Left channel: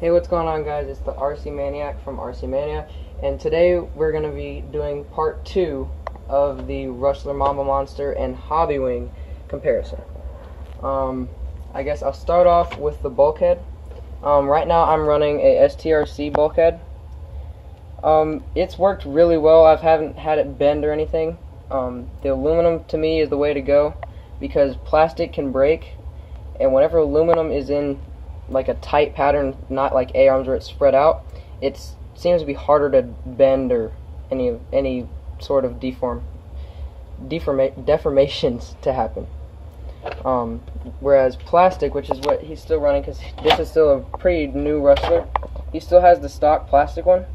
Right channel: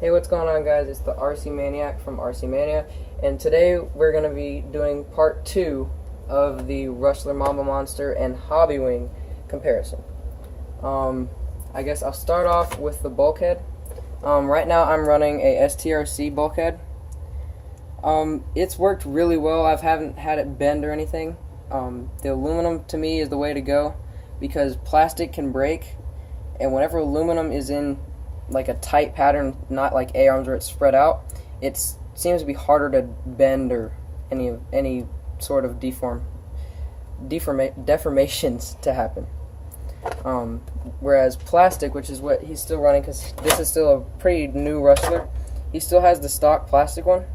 Hey, what's going on, guys? It's the RC Maniac from RC Mania, and today we're going to be doing part 2 of the Rustler Mamba Monster and Hobbywing comparison. I guess I'll start off with the bulkhead. Right now I'm running a STRC bulkhead. It's worked really well. I haven't had it bend or anything. The aluminum to me is the way to go because plastic can break, and whenever aluminum is in like a tight pattern, not like A-arms where it's spread out, it seems to be harder to bend or any sort of deformations to happen. Whereas plastic, which is what he's still running, because this is still a pretty new Rustler, he still has the stock plastic one.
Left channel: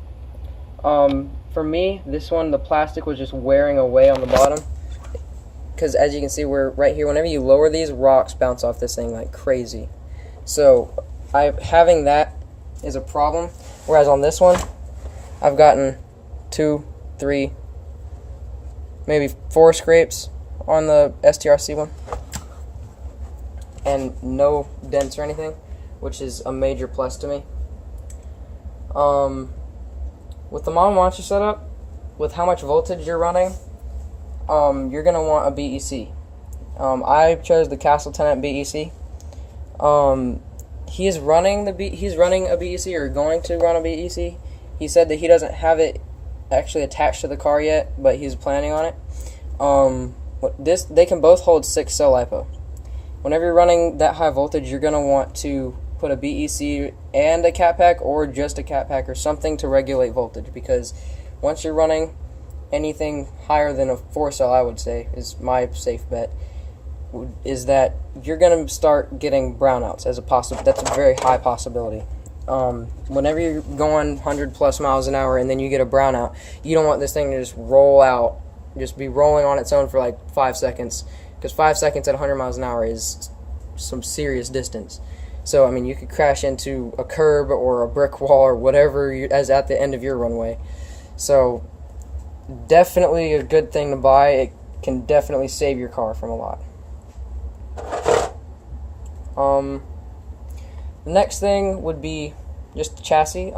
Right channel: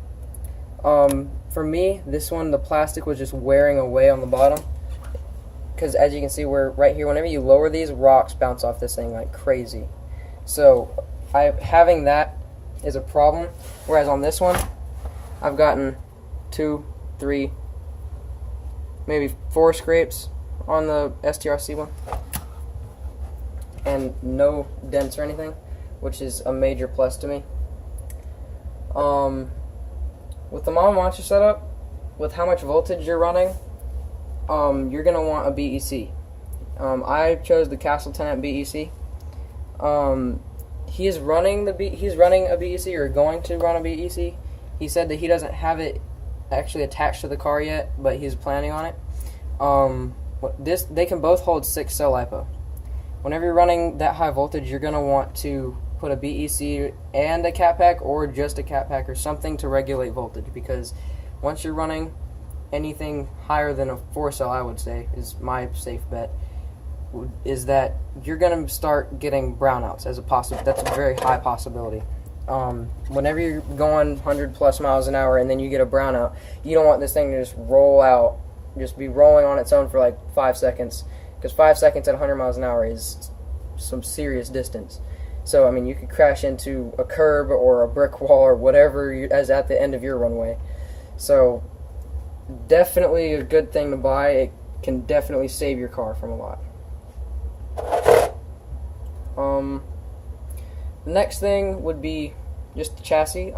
For me, this one, the plastic was just wearing away on the bottom, because as you can see, we're right here, whenever you lower these, rocks bounce off this thing like crazy. So having that is a problem, whereas on this one I've gotten 2, 3, maybe 4 scrapes on the STRC one and no dents or anything, which is a major plus to me. With the Mamba Monster setup, with how much voltage you're running, you're going to want a BEC. I chose the Castle Tenant BEC. He's running a BEC, or going to run a BEC. He said that he doesn't have it actually attached to the car yet, but he's planning on it. They can both hold 6-cell LiPo. Whenever you're running that high voltage, you're going to want to put a BEC and a cat pack, or just a cat pack, or something to regulate voltage, because once you're running anything higher than a 4-cell, I would say, is my safe bet, is that you're going to start getting brownouts as a that's a very high possibility. Whenever you're going 100+ miles an hour and then you get a brownout, you don't want this thing to just roll out, just be rolling on its own for like 5 seconds, because 5 seconds at 100 miles an hour is some serious distance. So, I mean, you could crash into a curb or a brick wall or whatever as at the end of your runway. So, definitely a good thing to buy. It can definitely save your car from a lot. The next thing would be just the chassis.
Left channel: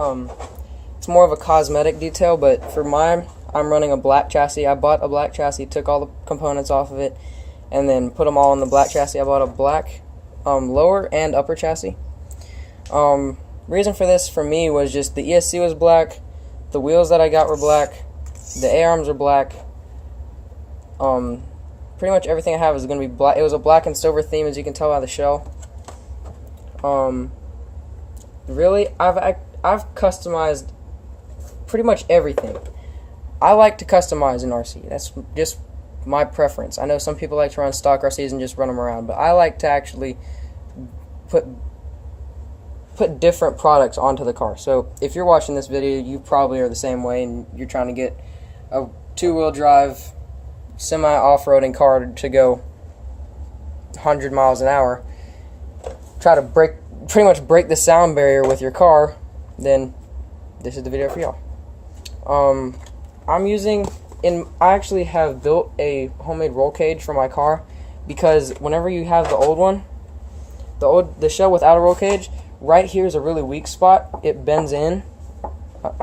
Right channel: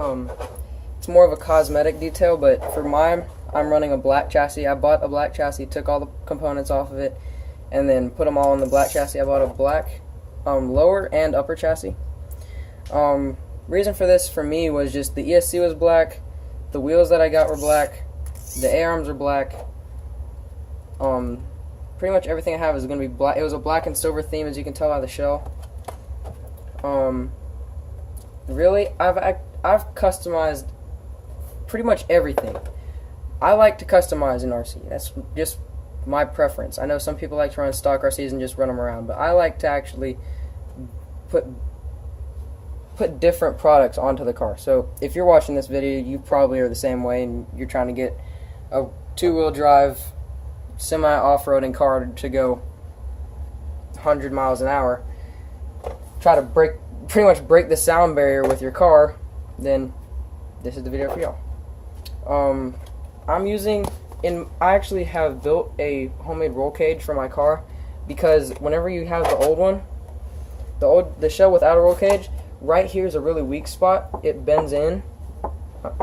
It's more of a cosmetic detail, but for mine, I'm running a black chassis. I bought a black chassis, took all the components off of it, and then put them all on the black chassis. I bought a black lower and upper chassis. Reason for this for me was just the ESC was black, the wheels that I got were black, the A-arms are black. Pretty much everything I have is going to be black. It was a black and silver theme, as you can tell by the shell. Really, I've customized pretty much everything. I like to customize an RC. That's just my preference. I know some people like to run stock RCs and just run them around, but I like to actually put different products onto the car. So if you're watching this video, you probably are the same way, and you're trying to get a 2-wheel drive semi-off-roading car to go 100 miles an hour, try to pretty much break the sound barrier with your car, then this is the video for y'all. I actually have built a homemade roll cage for my car, because whenever you have the old one, the shell without a roll cage, right here is a really weak spot. It bends in.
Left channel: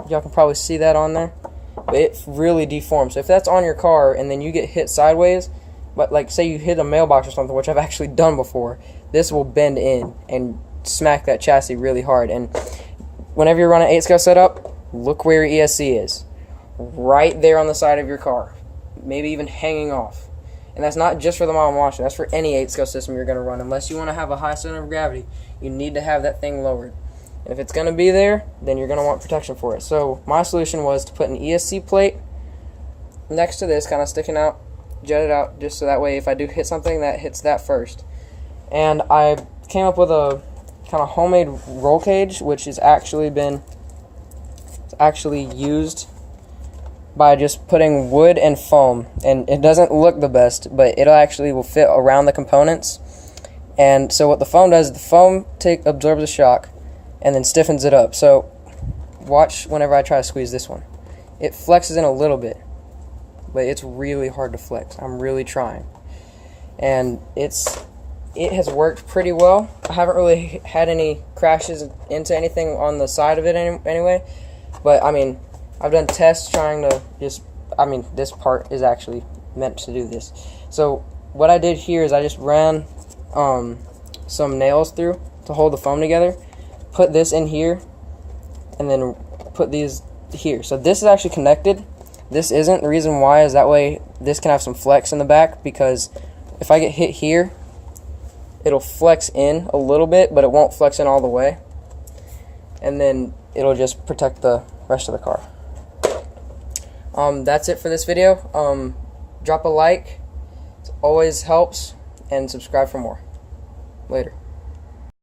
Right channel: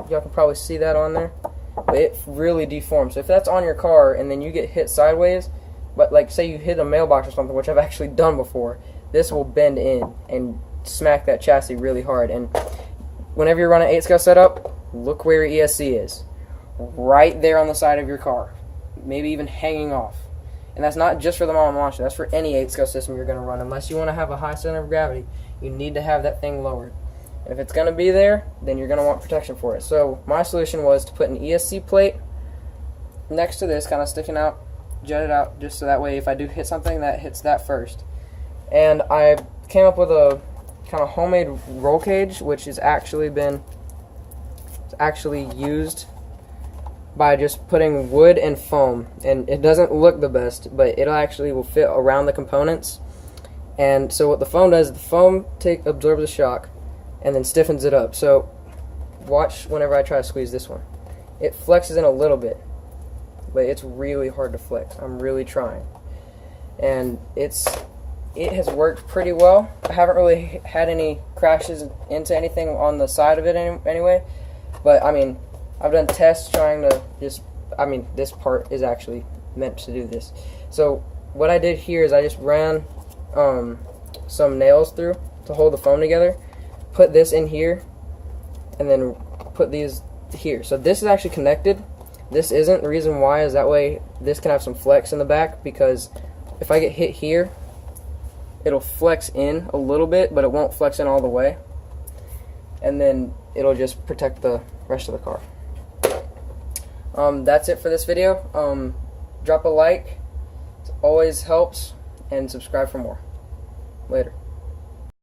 Y'all can probably see that on there. But it really deforms. So if that's on your car and then you get hit sideways, but like say you hit a mailbox or something, which I've actually done before, this will bend in and smack that chassis really hard. And whenever you're running 8-scale setup, look where your ESC is. Right there on the side of your car. Maybe even hanging off. And that's not just for the Mamba Monster, that's for any 8-scale system you're going to run. Unless you want to have a high center of gravity, you need to have that thing lowered. And if it's going to be there, then you're going to want protection for it. So my solution was to put an ESC plate next to this, kind of sticking out, jutted out, just so that way if I do hit something, that hits that first. And I came up with a kind of homemade roll cage, which has actually used by just putting wood and foam. And it doesn't look the best, but it actually will fit around the components. And so what the foam does, the foam absorbs the shock and then stiffens it up. So watch whenever I try to squeeze this one. It flexes in a little bit, but it's really hard to flex. I'm really trying. And it's it has worked pretty well. I haven't really had any crashes into anything on the side of it anyway. But I mean, I've done tests trying to just, I mean, this part is actually meant to do this. So what I did here is I just ran some nails through to hold the foam together, put this in here, and then put these here. So this is actually connected. This isn't. The reason why is that way this can have some flex in the back, because if I get hit here, it'll flex in a little bit, but it won't flex in all the way. And then it'll just protect the rest of the car. That's it for this video. Drop a like. It always helps. And subscribe for more. Later.